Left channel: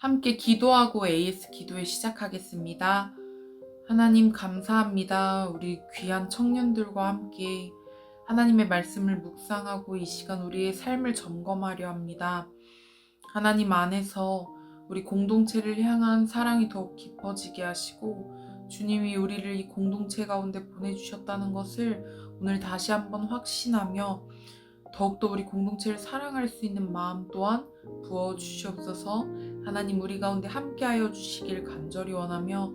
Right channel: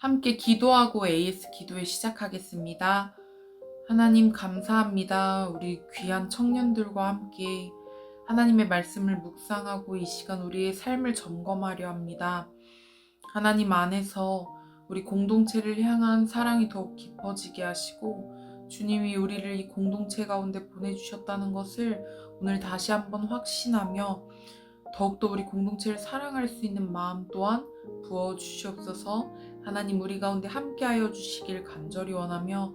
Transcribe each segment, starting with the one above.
함께 기도하고 AS 기도회 시작하겠습니다. 하나님 감사합니다. 우리 귀한 청년들과 함께 하나님의 말씀을 묵상하고 이 시간 우리의 삶을 점검하려 합니다. 하나님 안에서 우리 공동체를 향한 사랑이 더욱 깊어지게 하시고 주님이 우리를 이 공동체 가운데 보내주셨다는 것을 오늘 다시 한번 확신하며 더욱더 우리 공동체를 사랑할 수 있는 마음 또한 부어주시옵소서. 하나님 우리 가운데 함께하여 주시길 간절히 원하며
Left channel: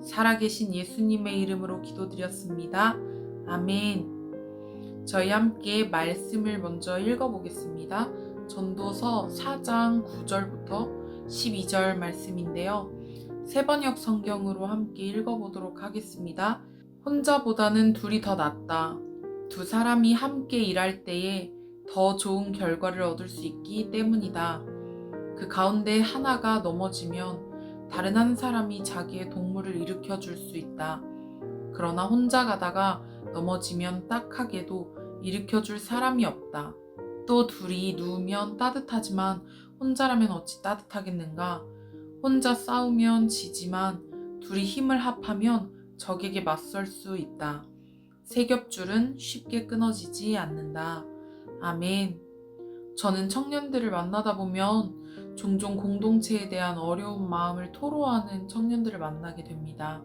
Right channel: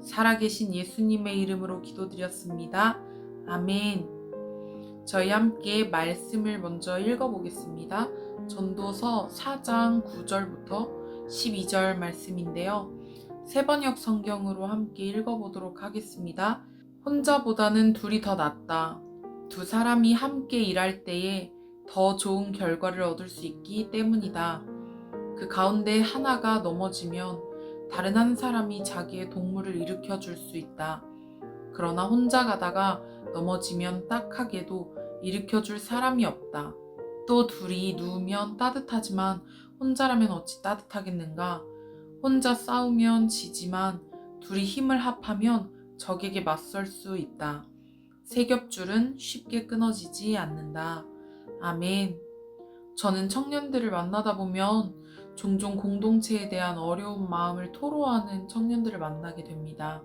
살아계신 예수님의 이름으로 기도드렸습니다. 아멘. 저희 함께 말씀을 먼저 읽어보겠습니다. 전도서 4장 9절부터 12절 말씀인데요. 세번역 성경으로 함께 읽어보도록 하겠습니다. 혼자보다는 둘이 더 낫다. 두 사람이 함께 일할 때에 더 좋은 결과를 얻을 수 있기 때문이다. 그 가운데 하나가 넘어지면 다른 한 사람이 자기의 동물을 일으켜 줄 수 있다. 그러나 혼자 가다가 넘어지면 딱하게도 일으켜 줄 사람이 없다. 또 둘이 누우면 따뜻하지만 혼자라면 어찌 따뜻하겠는가? 혼자 싸우면 지지만 둘이 힘을 합하면 적에게 맞설 수 있다. 세 겹줄은 쉽게 끊어지지 않는다. 아멘. 저는 청년들을 만나다 보면 종종 공동체에 대한 어려운 마음을 토로하는 청년들을 만나게 됩니다.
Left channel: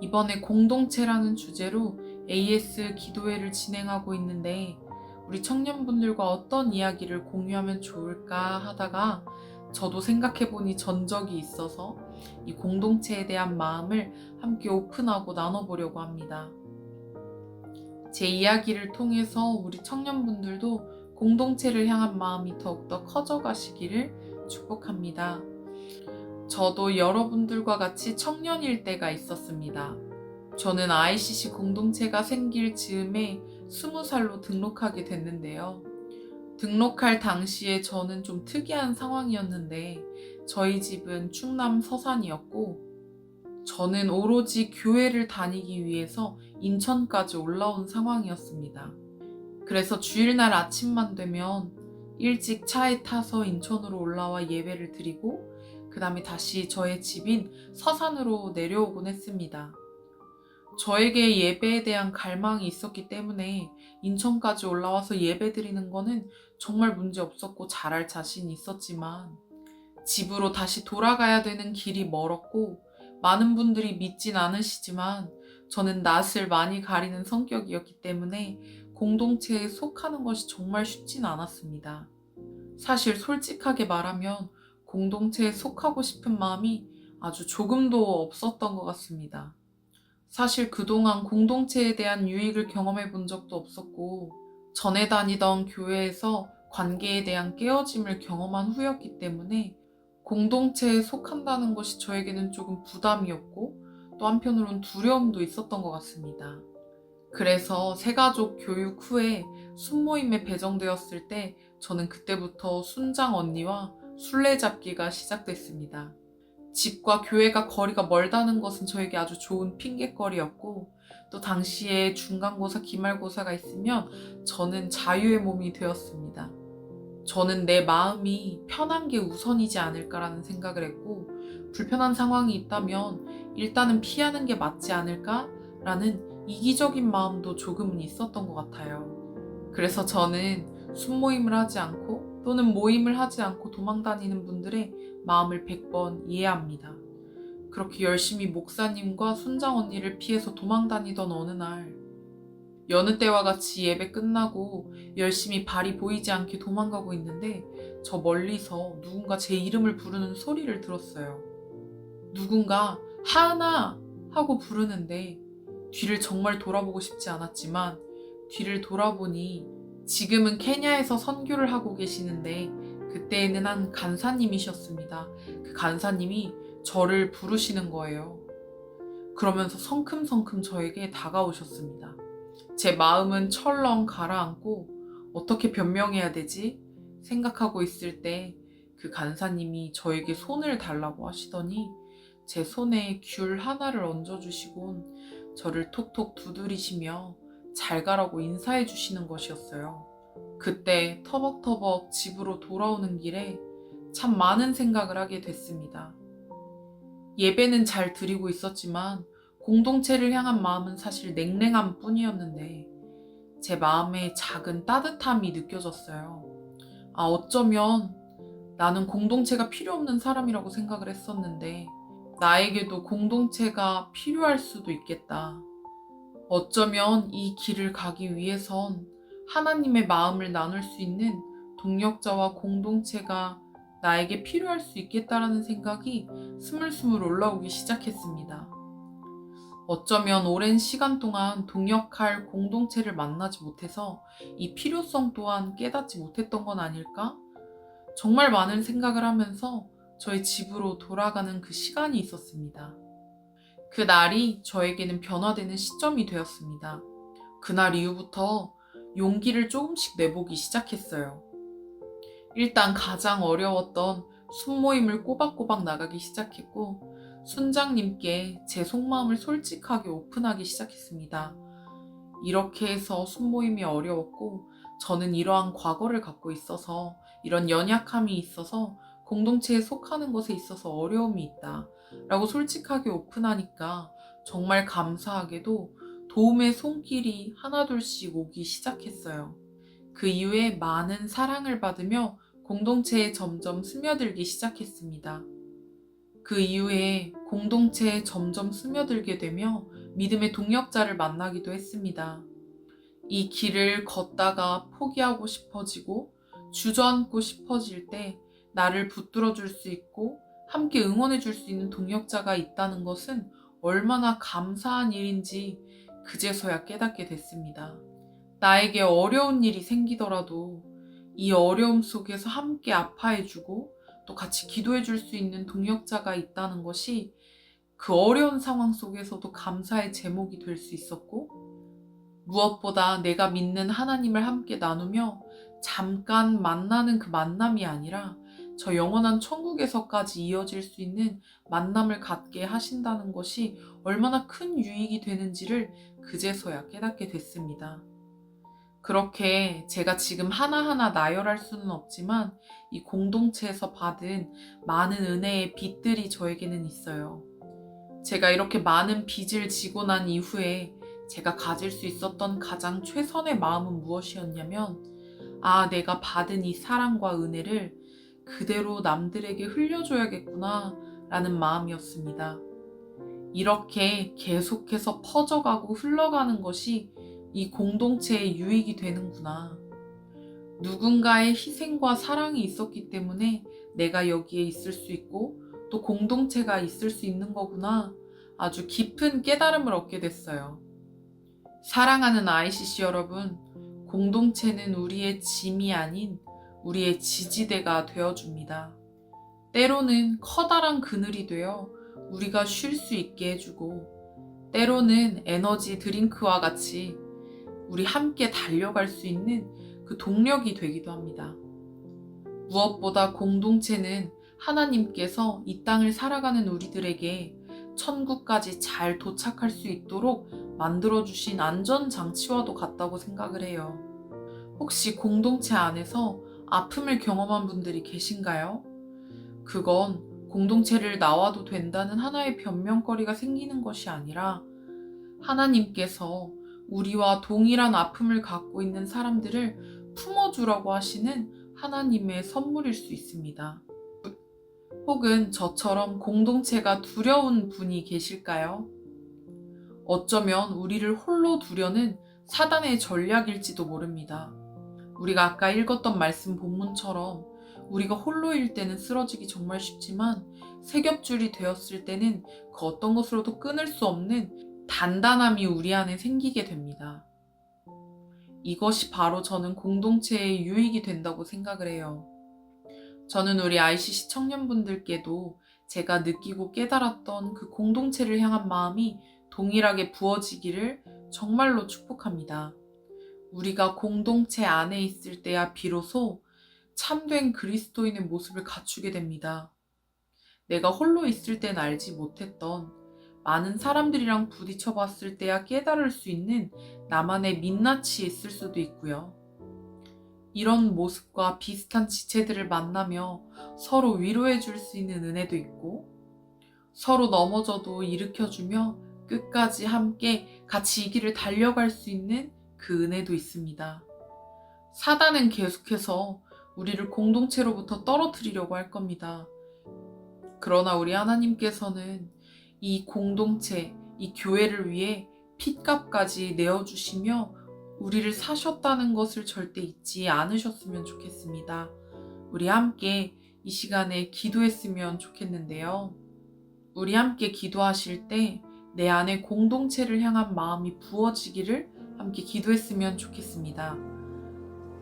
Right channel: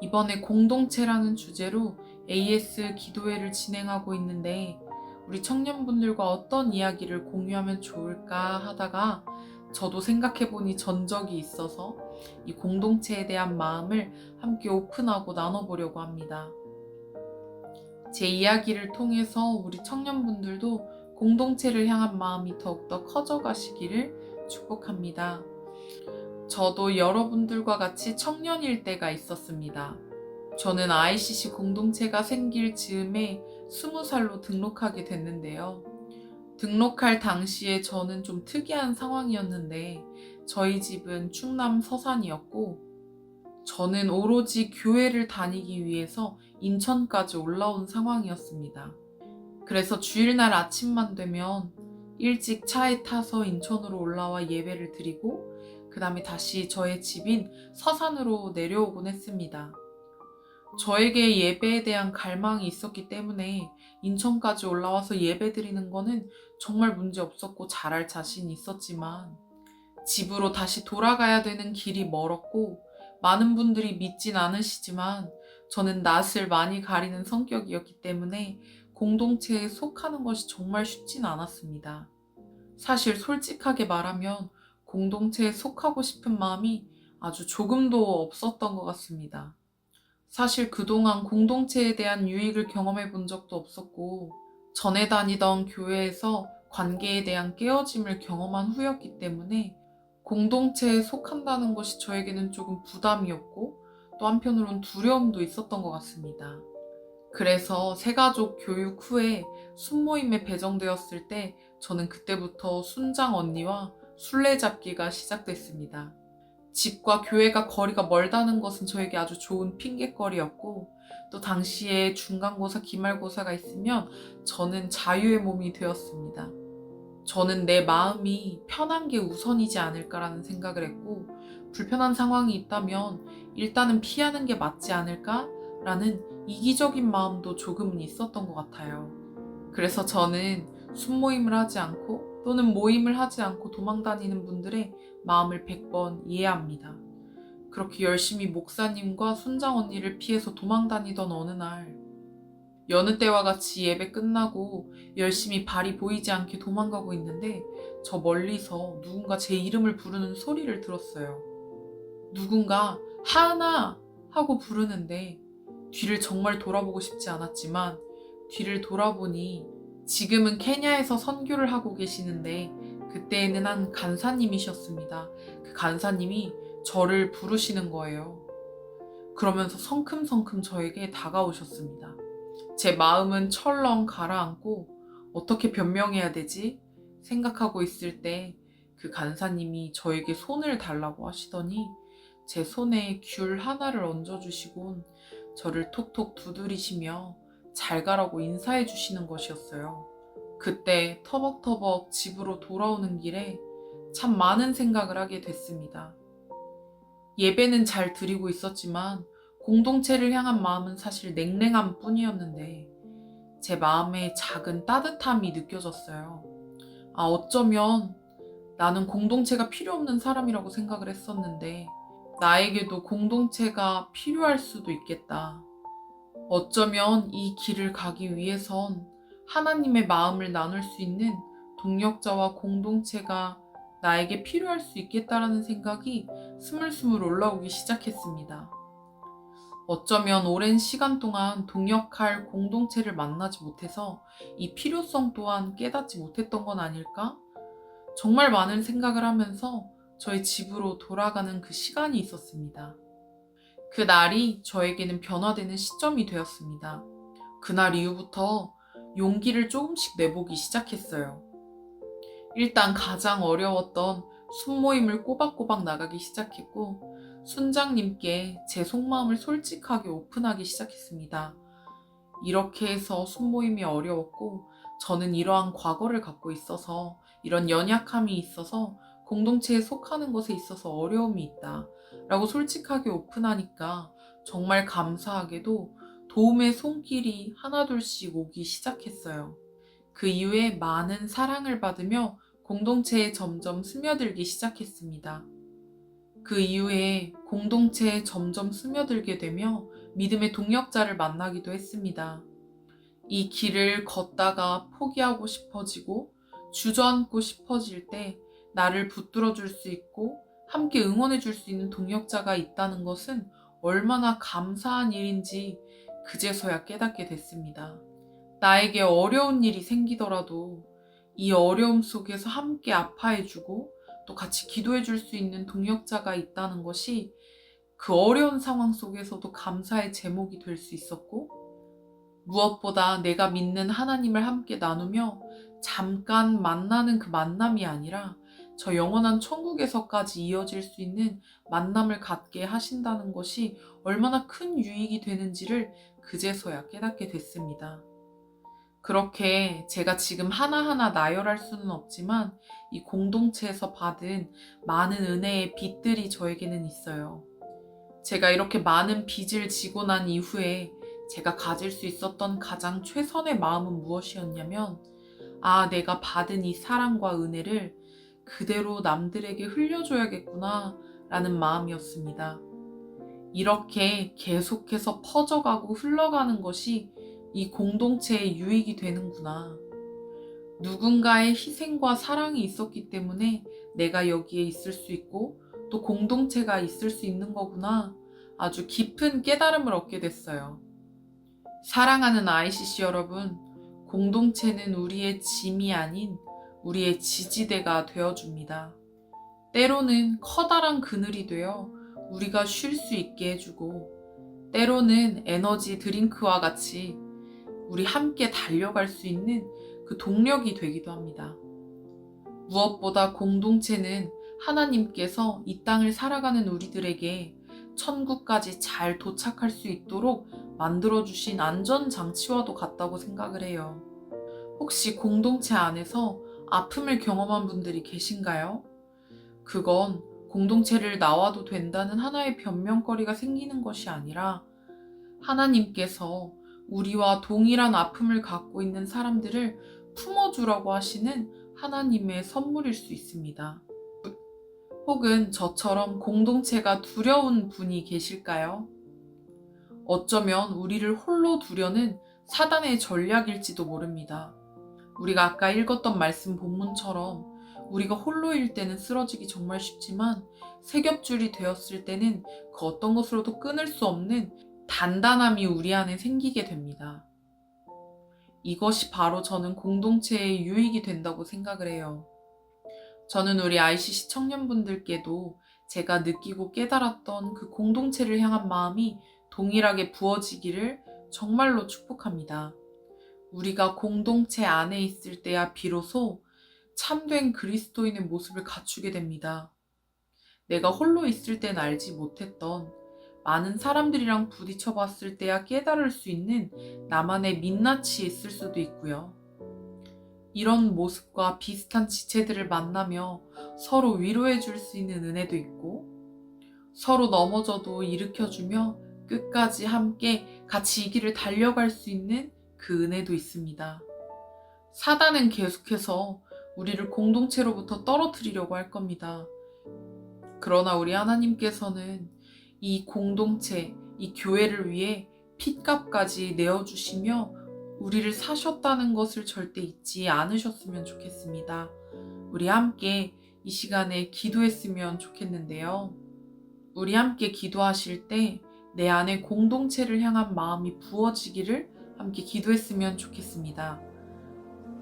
이번에 공동체라는 주제로 AS 기도회를 진행하고 있는데 우리 청년분들과 어떤 이야기를 공유하면 좋을까 하다가 저도 생각해보니 전적이 있어서 이 공동체에 대한 마음을 함께 오픈하고 나눠보려고 합니다. 제 이야기를 통해서 우리 청년분들도 공동체를 향한 마음이 더욱더 커져가시기를 축복합니다. 저도 여러분들과 같이 청년일 때가 있었습니다. 저는 ICC 공동체가 생길 즈음에 20살로 등록하게 됐는데요. 등록할 당시에 저는 좀 특이한 상황이었는데 저희 집은 충남 서산이었고 저는 오로지 교회를 다니기 위해서 인천까지 올라온 상황이었습니다. 그래서 주일날 아침만 되면 일찍 차에 타서 인천으로 올라와 예배를 드리고 그 다음에 다시 저의 집인 서산으로 내려오곤 했습니다. 저에게 예배에 대한 갈망이 있었기 때문에 인천까지 올라와서 예배 드리는 거는 정말 문제 없었고 잘할 자신이 있었지만 집으로 다시 돌아가야 되는 길이 멀었고 많은 분들이 믿진 않으시지만 저는 낯을 많이 가리는 성격이었기 때문에 공동체에 속하는 것이 정말 쉽진 않았습니다. 사실 솔직하게 말하면 공동체에 속하고 싶은 마음이 아주 조금도 없었던 것 같습니다. 사실 그동안 공동체에 대한 유익을 경험해 본 적도 없었고 전에 다니던 교회에서 관계에 대한 깨어짐을 경험한 후였기 때문에 공동체에 속한다는 것이 저에게는 조금 부담이었고 또 한편으론 두려움도 있었던 것 같습니다. 그래서 새가족 교육 후에 순모임에 배정되었을 때 저는 그때부터 순장 언니와 술래잡기가 시작됐습니다. 집과 교회가 거리가 멀다는 것은 저에게 아주 좋은 핑곗거리였고 또 당시에 중간고사, 기말고사가 있으면 저는 자유의 몸이 되었습니다. 저는 내 마음이 편한 게 우선이지 않을까라는 생각을 했고 불편한 상황이 있다면 일단은 피하는 게 맞지 않을까라는 이기적인 마음도 조금은 있었던 것 같아요. 그래서 저는 순모임을 하지 않고 또는 모임을 하지 않고 도망다니는 분들의 마음을 100번 이해합니다. 그렇게 열심히 목사님과 순장 언니를 피해서 도망다니던 어느 날 여느 때와 같이 예배 끝나고 열심히 발이 보이지 않게 도망가고 있는데 저 멀리서 누군가 제 이름을 부르는 소리를 들었어요. 누군가 하은아 하고 부르는데 뒤를 정말 돌아보고 싶지 않았지만 뒤를 돌아보니 지금은 케냐에서 선교를 하고 계시는데 그때에는 한 간사님이셨습니다. 그 간사님이 저를 부르시는 거예요. 그러면서 성큼성큼 저에게 다가오셨습니다. 제 마음은 철렁 가라앉고 어떻게 변명해야 되지? 생각하고 있을 때 그 간사님이 저에게 손을 달라고 하시더니 제 손에 귤 하나를 얹어주시곤 저를 톡톡 두드리시며 잘 가라고 인사해 주시는 것이었어요. 그때 터벅터벅 집으로 돌아오는 길에 참 많은 생각을 하게 됐습니다. 예배는 잘 드리고 있었지만 공동체를 향한 마음은 사실 냉랭함 뿐이었는데 제 마음에 작은 따뜻함이 느껴졌어요. 어쩌면 나는 공동체가 필요 없는 사람이라고 생각을 했었는데 나에게도 공동체가 필요할 수도 있겠다. 어쩌면 이 길을 가기 위해선 하나님의 마음을 나눌 수 있는 동역자와 공동체가 나에게 필요할 수 있겠다라는 생각이 스물스물 올라오기 시작했습니다. 어쩌면 오랜 시간 동안 동역할 공동체를 만나지 못해서 이 필요성 또한 깨닫지 못했던 건 아닐까? 정말 많은 생각을 하면서 저희 집으로 돌아가는 그 시간이 있었습니다. 그 날이 저에게는 변화되는 시점이 되었습니다. 그날 이후부터 용기를 조금씩 내보기 시작했어요. 일단 가장 어려웠던 순모임을 꼬박꼬박 나가기 시작했고 순장님께 제 속마음을 솔직하게 오픈하기 시작했습니다. 이렇게 해서 순모임이 어려웠고 저는 이러한 과거를 갖고 있어서 이런 연약함이 있어서 공동체에 속하는 것에 있어서 어려움이 있다 라고 솔직하게 오픈하니까 정말 감사하게도 도움의 손길이 하나둘씩 오기 시작했어요. 그 이후에 많은 사랑을 받으며 공동체에 점점 스며들기 시작했습니다. 그 이후에 공동체에 점점 스며들게 되며 믿음의 동역자를 만나기도 했습니다. 이 길을 걷다가 포기하고 싶어지고 주저앉고 싶어질 때 나를 붙들어 줄 수 있고 함께 응원해 줄 수 있는 동역자가 있다는 것은 얼마나 감사한 일인지 그제서야 깨닫게 됐습니다. 나에게 어려운 일이 생기더라도 이 어려움 속에서 함께 아파해주고 또 같이 기도해줄 수 있는 동역자가 있다는 것이 그 어려운 상황 속에서도 감사의 제목이 될 수 있었고 무엇보다 내가 믿는 하나님을 함께 나누며 잠깐 만나는 그 만남이 아니라 저 영원한 천국에서까지 이어질 수 있는 만남을 갖게 하신다는 것이 얼마나 큰 유익이 되는지를 그제서야 깨닫게 됐습니다. 그렇게 제가 지금 하나하나 나열할 수는 없지만 이 공동체에서 받은 많은 은혜의 빚들이 저에게는 있어요. 제가 이렇게 많은 빚을 지고 난 이후에 제가 가질 수 있었던 가장 최선의 마음은 무엇이었냐면 내가 받은 이 사랑과 은혜를 그대로 남들에게 흘려줘야겠구나 라는 마음이었습니다. 이렇게 계속해서 퍼져가고 흘러가는 것이 이 공동체의 유익이 되는구나. 누군가의 희생과 사랑이 있었기 때문에 내가 여기에 있을 수 있고 또 공동체가 있을 수 있는 거구나. 아주 깊은 깨달음을 얻게 됐어요. 사랑하는 ICC 여러분, 공동체는 우리의 짐이 아닌 우리의 지지대가 되어줍니다. 때로는 커다란 그늘이 되어 우리가 쉴 수 있게 해주고 때로는 에너지 드링크와 같이 우리 함께 달려갈 수 있는 그 동력이 되기도 합니다. 무엇보다 공동체는 하나님께서 이 땅을 살아가는 우리들에게 천국까지 잘 도착할 수 있도록 만들어주신 안전장치와도 같다고 생각을 해요. 혹시 공동체 안에서 아픔을 경험한 분들이 계신가요? 그건 공동체를 나와도 된다는 하나의 변명거리가 생기는 것이 아니라 하나님께서 우리와 동일한 아픔을 갖고 있는 사람들을 품어주라고 하시는 하나님의 선물일 수 있습니다. 혹은 저처럼 공동체가 두려운 분이 계실까요? 어쩌면 우리를 홀로 두려는 사단의 전략일지도 모릅니다. 우리가 아까 읽었던 말씀 본문처럼 우리가 홀로일 때는 쓰러지기 정말 쉽지만 세 겹줄이 되었을 때는 그 어떤 것으로도 끊을 수 없는 단단함이 우리 안에 생기게 됩니다. 이것이 바로 저는 공동체의 유익이 된다고 생각을 해요. 저는 우리 ICC 청년분들께도 제가 느끼고 깨달았던 그 공동체를 향한 마음이 동일하게 부어지기를 정말로 축복합니다. 우리가 공동체 안에 있을 때야 비로소 참된 그리스도인의 모습을 갖추게 됩니다. 내가 홀로 있을 땐 알지 못했던 많은 사람들이랑 부딪혀 봤을 때야 깨달을 수 있는 나만의 민낯이 있을 수도 있고요. 이런 모습과 비슷한 지체들을 만나며 서로 위로해 줄 수 있는 은혜도 있고, 서로 넘어져도 일으켜주며 끝까지 함께 같이 이 길을 달려갈 수 있는 그 은혜도 있습니다. 사단은 계속해서 우리를 공동체로부터 떨어뜨리려고 할 겁니다. 그러나 우리 하나님께서는 이 공동체, 이 교회를 위해 핏값까지 내어주시며 우리를 사셨다는 것을 절대 잊지 않으셨으면 좋겠습니다. 우리 함께 이 시간에 기도했으면 좋겠는데요. 우리 함께 기도하실 때 내 안에 공동체를 향한 마음이 부어지기를 함께 기도했으면 좋겠습니다.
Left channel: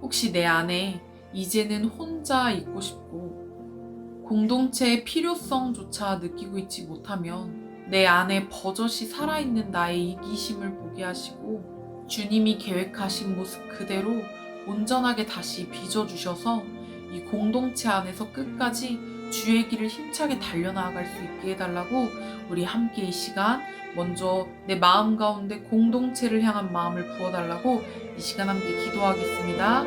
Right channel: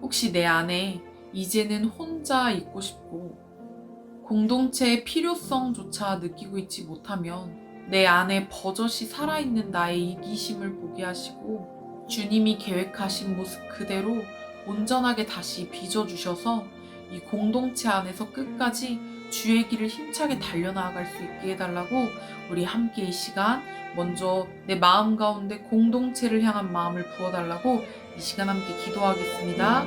혹시 내 안에 이제는 혼자 있고 싶고 공동체의 필요성조차 느끼고 있지 못하면 내 안에 버젓이 살아있는 나의 이기심을 보게 하시고 주님이 계획하신 모습 그대로 온전하게 다시 빚어주셔서 이 공동체 안에서 끝까지 주의 길을 힘차게 달려나갈 수 있게 해달라고 우리 함께 이 시간 먼저 내 마음 가운데 공동체를 향한 마음을 부어달라고 이 시간 함께 기도하겠습니다.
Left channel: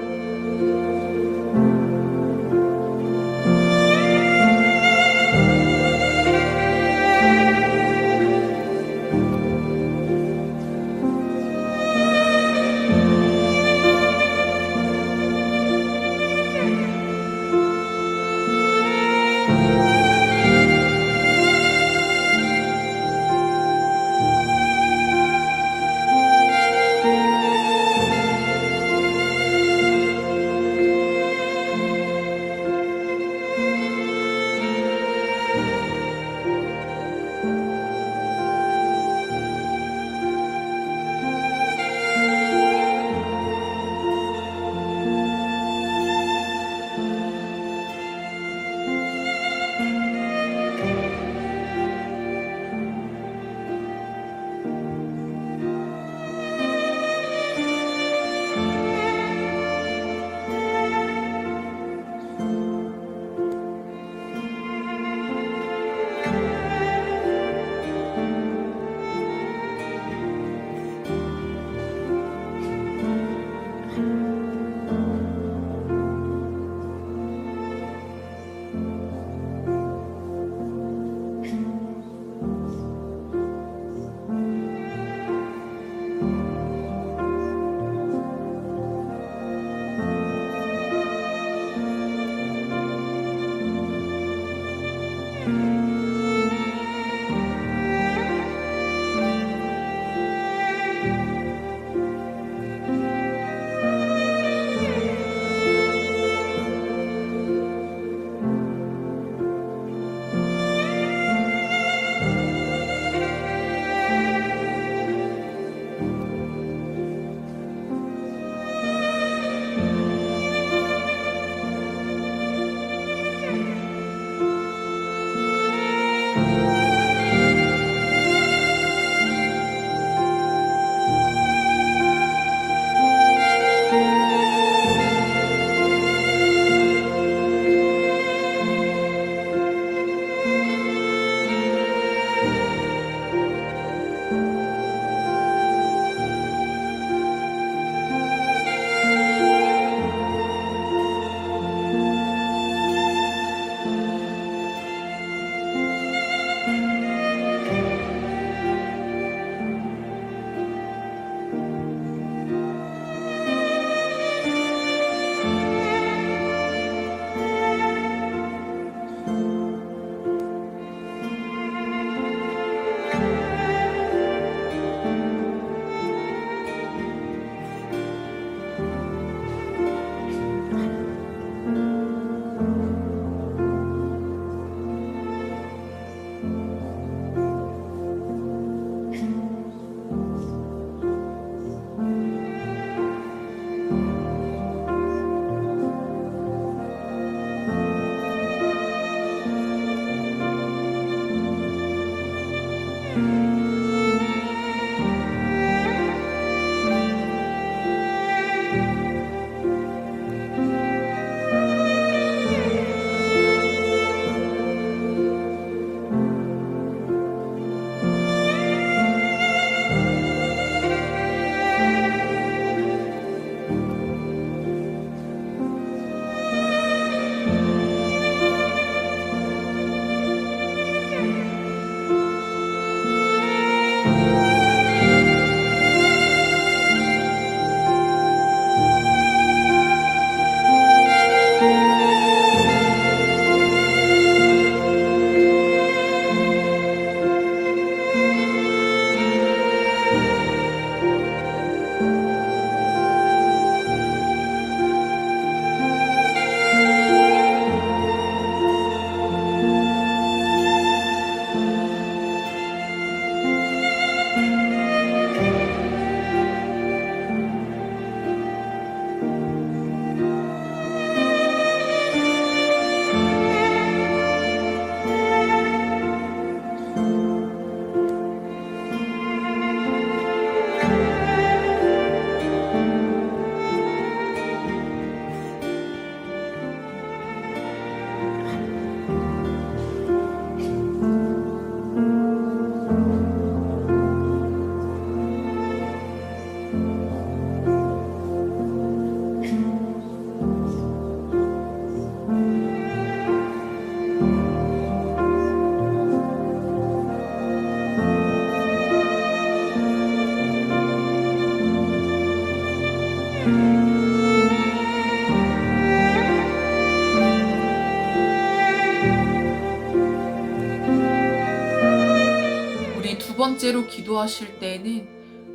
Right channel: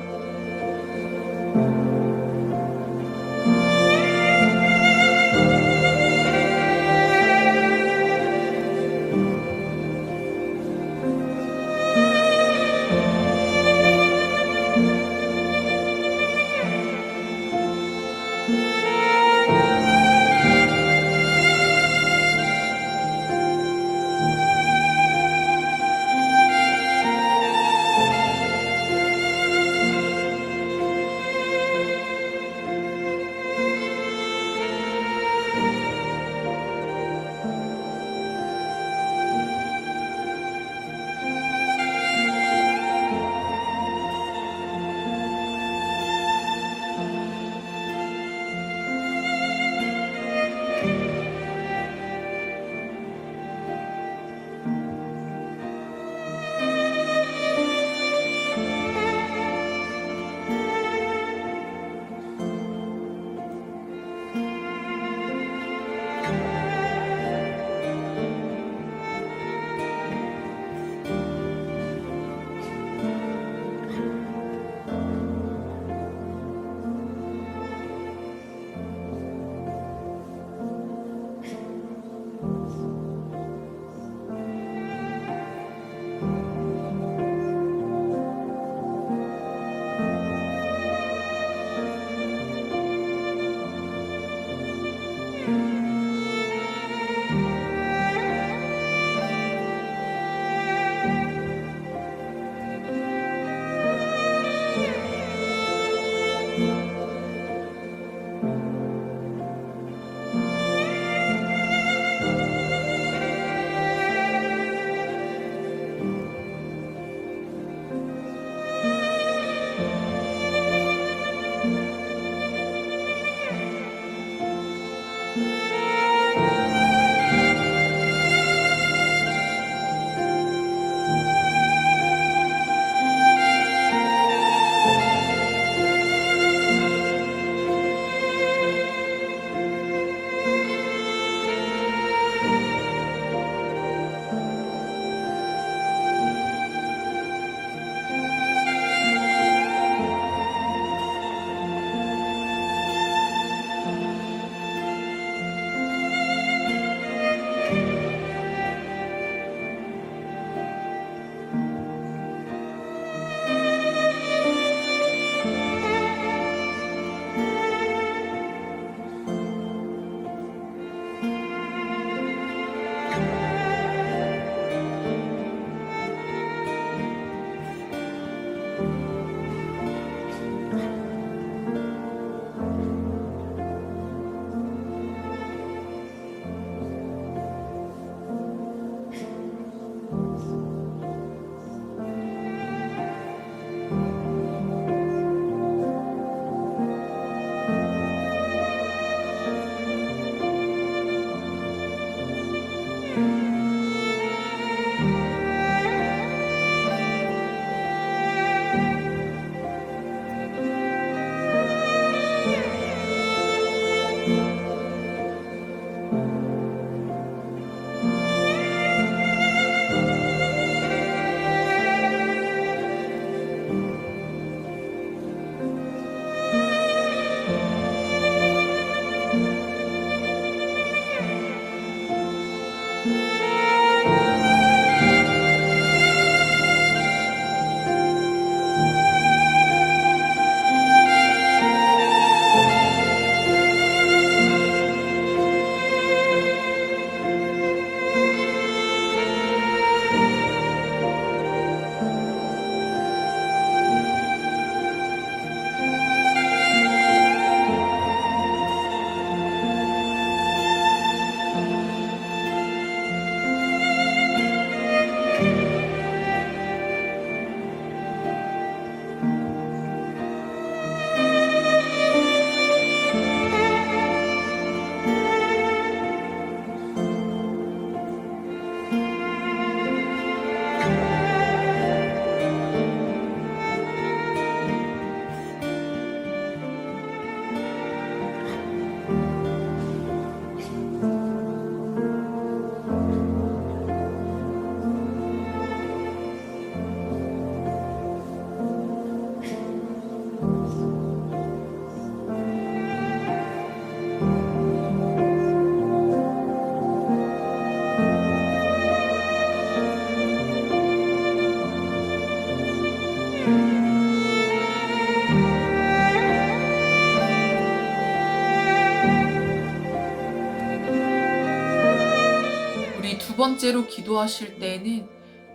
두 번째로 기도하실 때에는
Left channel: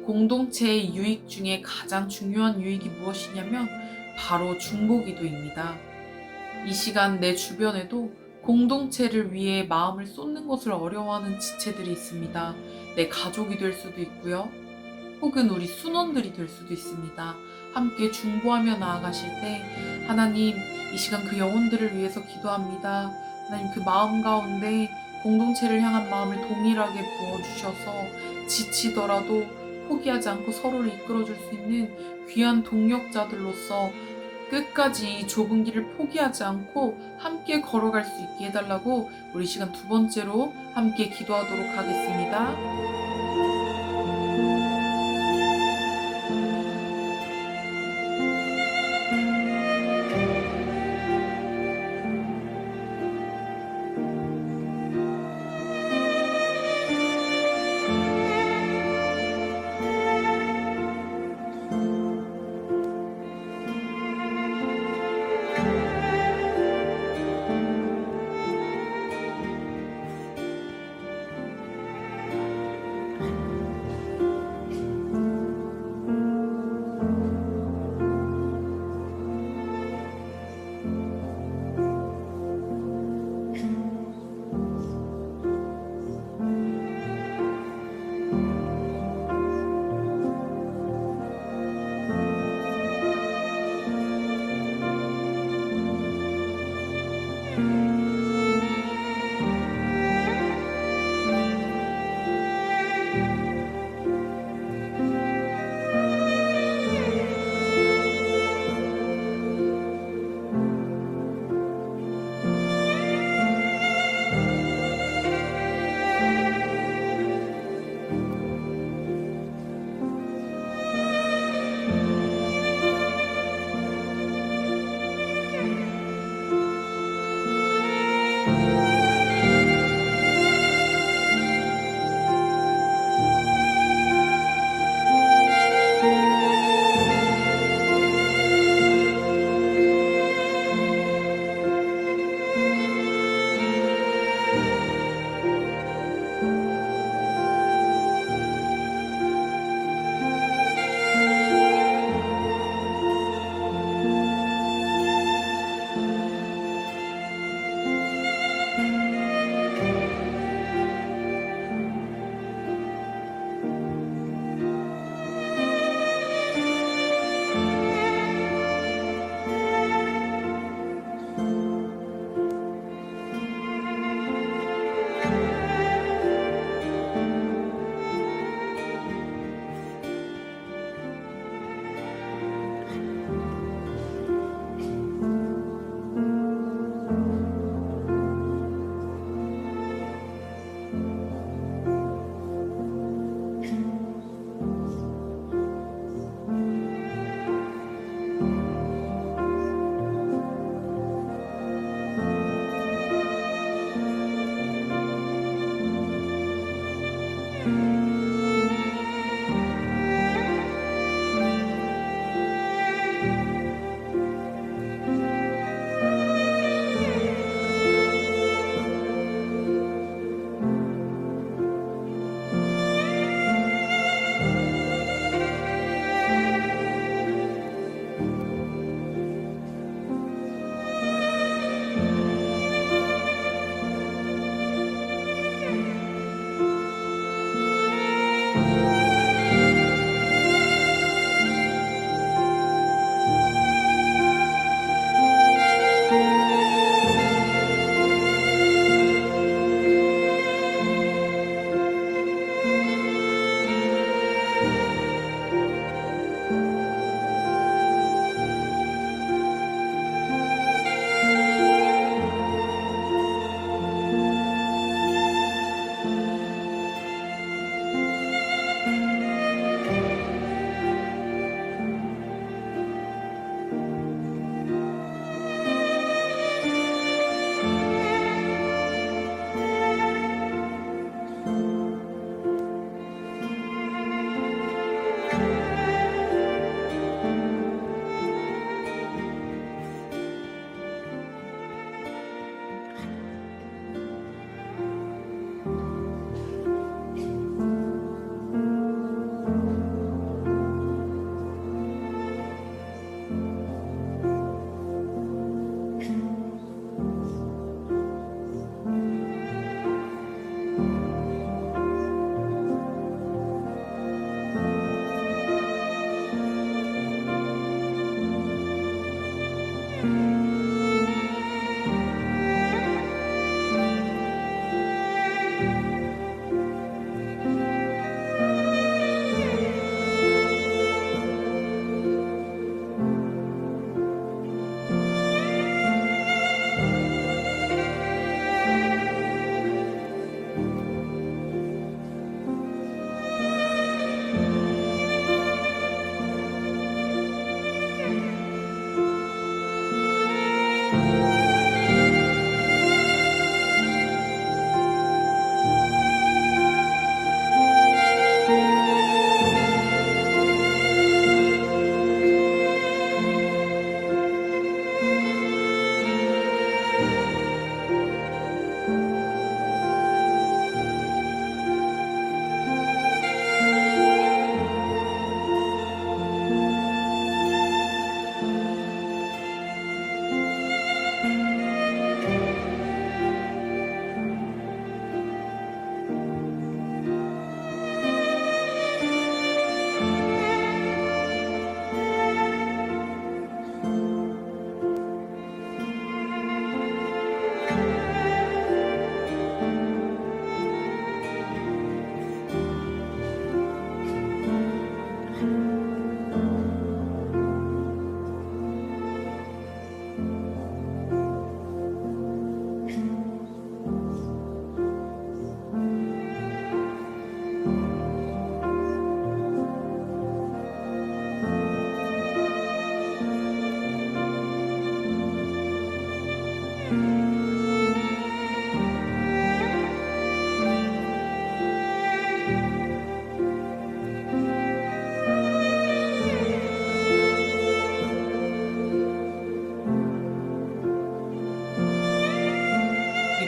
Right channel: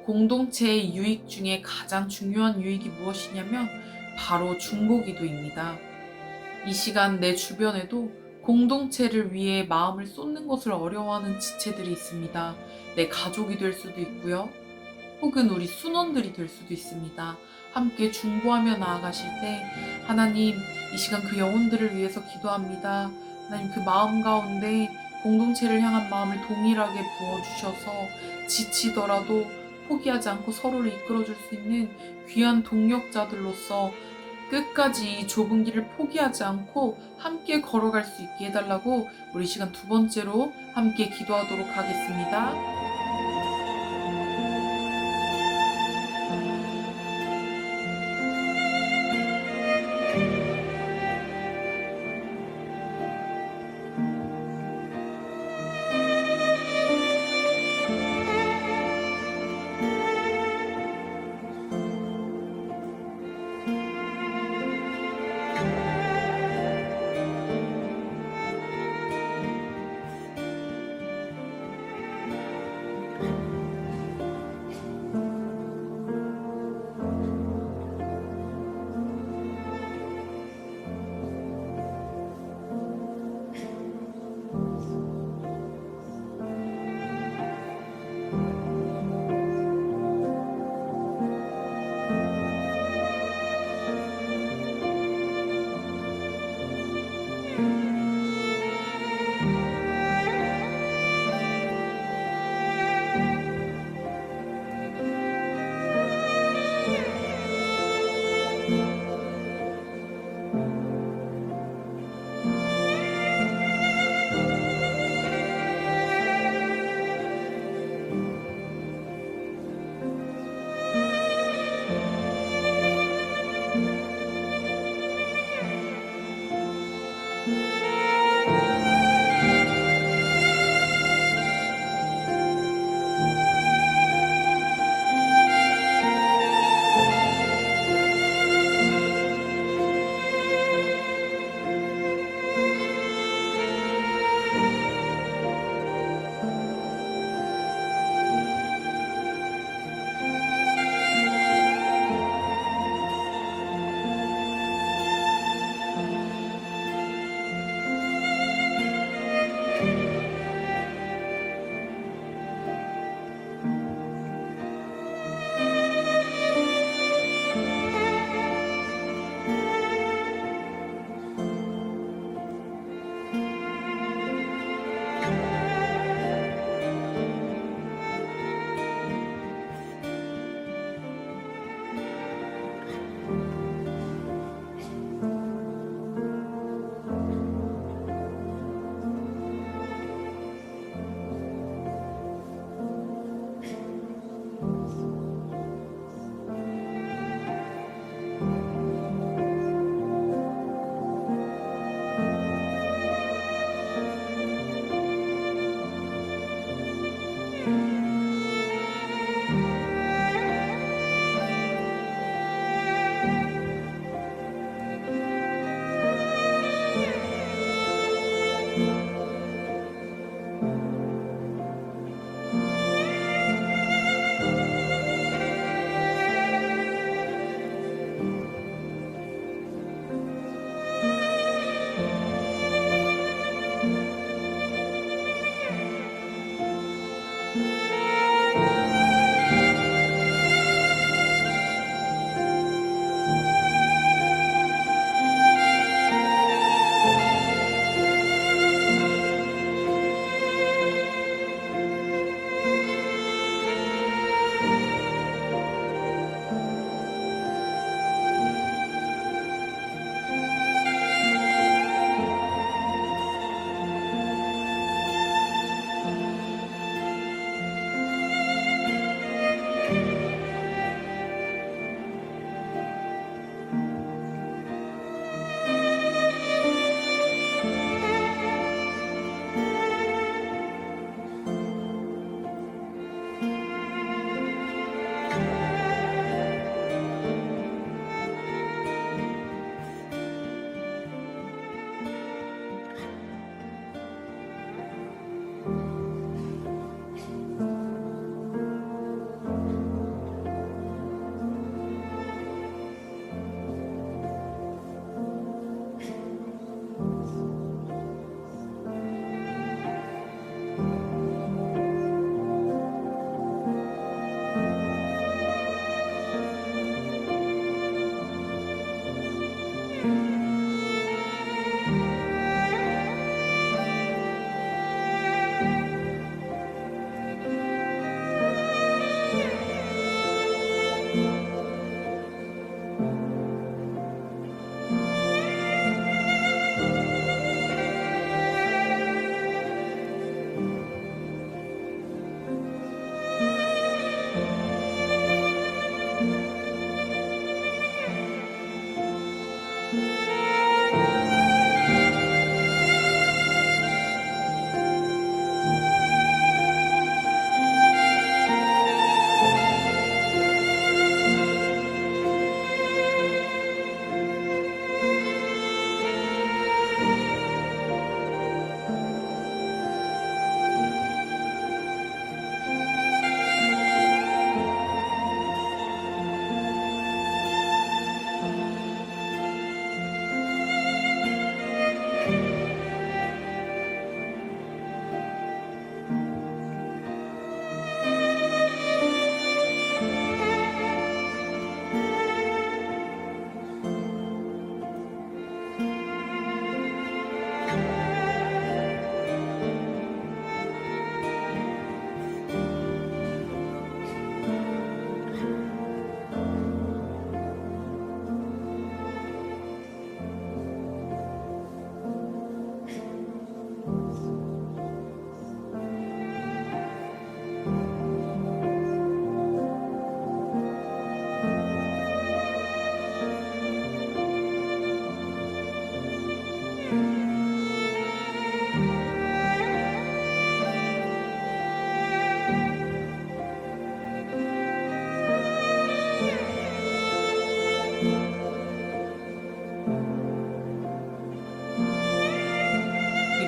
공동체의 유익 중에 가장 중요한 유익이 무엇이냐면 바로 중보기도입니다. 이 시간 내 주변에도 공동체를 위해 마음을 쏟는 것을 어려워하는 지체들이 있습니다. 내 가족이 될 수도 있고요. 혹은 우리 순원들이 될 수도 있습니다. 함께 중보하며 나아가실 때 하나님, 이 시간 그 영혼들을 위해서 기도합니다. 하나님, 그 마음 가운데 공동체를 향한 마음을 동일하게 부어주셔서 지치더라도 포기하지 않고 서로를 이끌어줄 수 있는 귀한 동력자들로서 끝까지 이 좁은 길을 포기하지 않고 함께 걸어갈 수 있게 해달라고 우리 시간 두 번째로 함께 기도하도록 하겠습니다.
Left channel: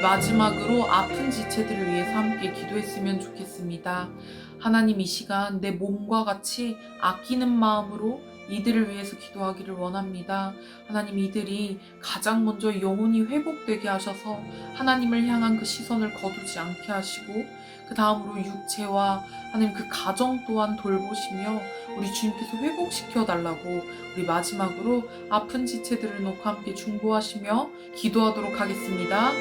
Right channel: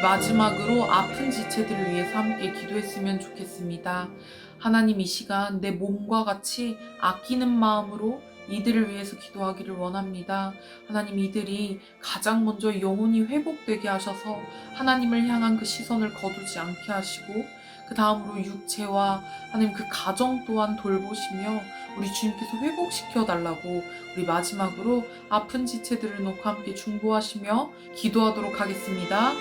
마지막으로 아픈 지체들을 위해서 함께 기도했으면 좋겠습니다. 하나님, 이 시간 내 몸과 같이 아끼는 마음으로 이들을 위해서 기도하기를 원합니다. 하나님, 이들이 가장 먼저 영혼이 회복되게 하셔서 하나님을 향한 그 시선을 거두지 않게 하시고, 그 다음으로 육체와 하나님 그 가정 또한 돌보시며 우리 주님께서 회복시켜 달라고 우리 마지막으로 아픈 지체들을 놓고 함께 중보하시며 기도하도록 하겠습니다.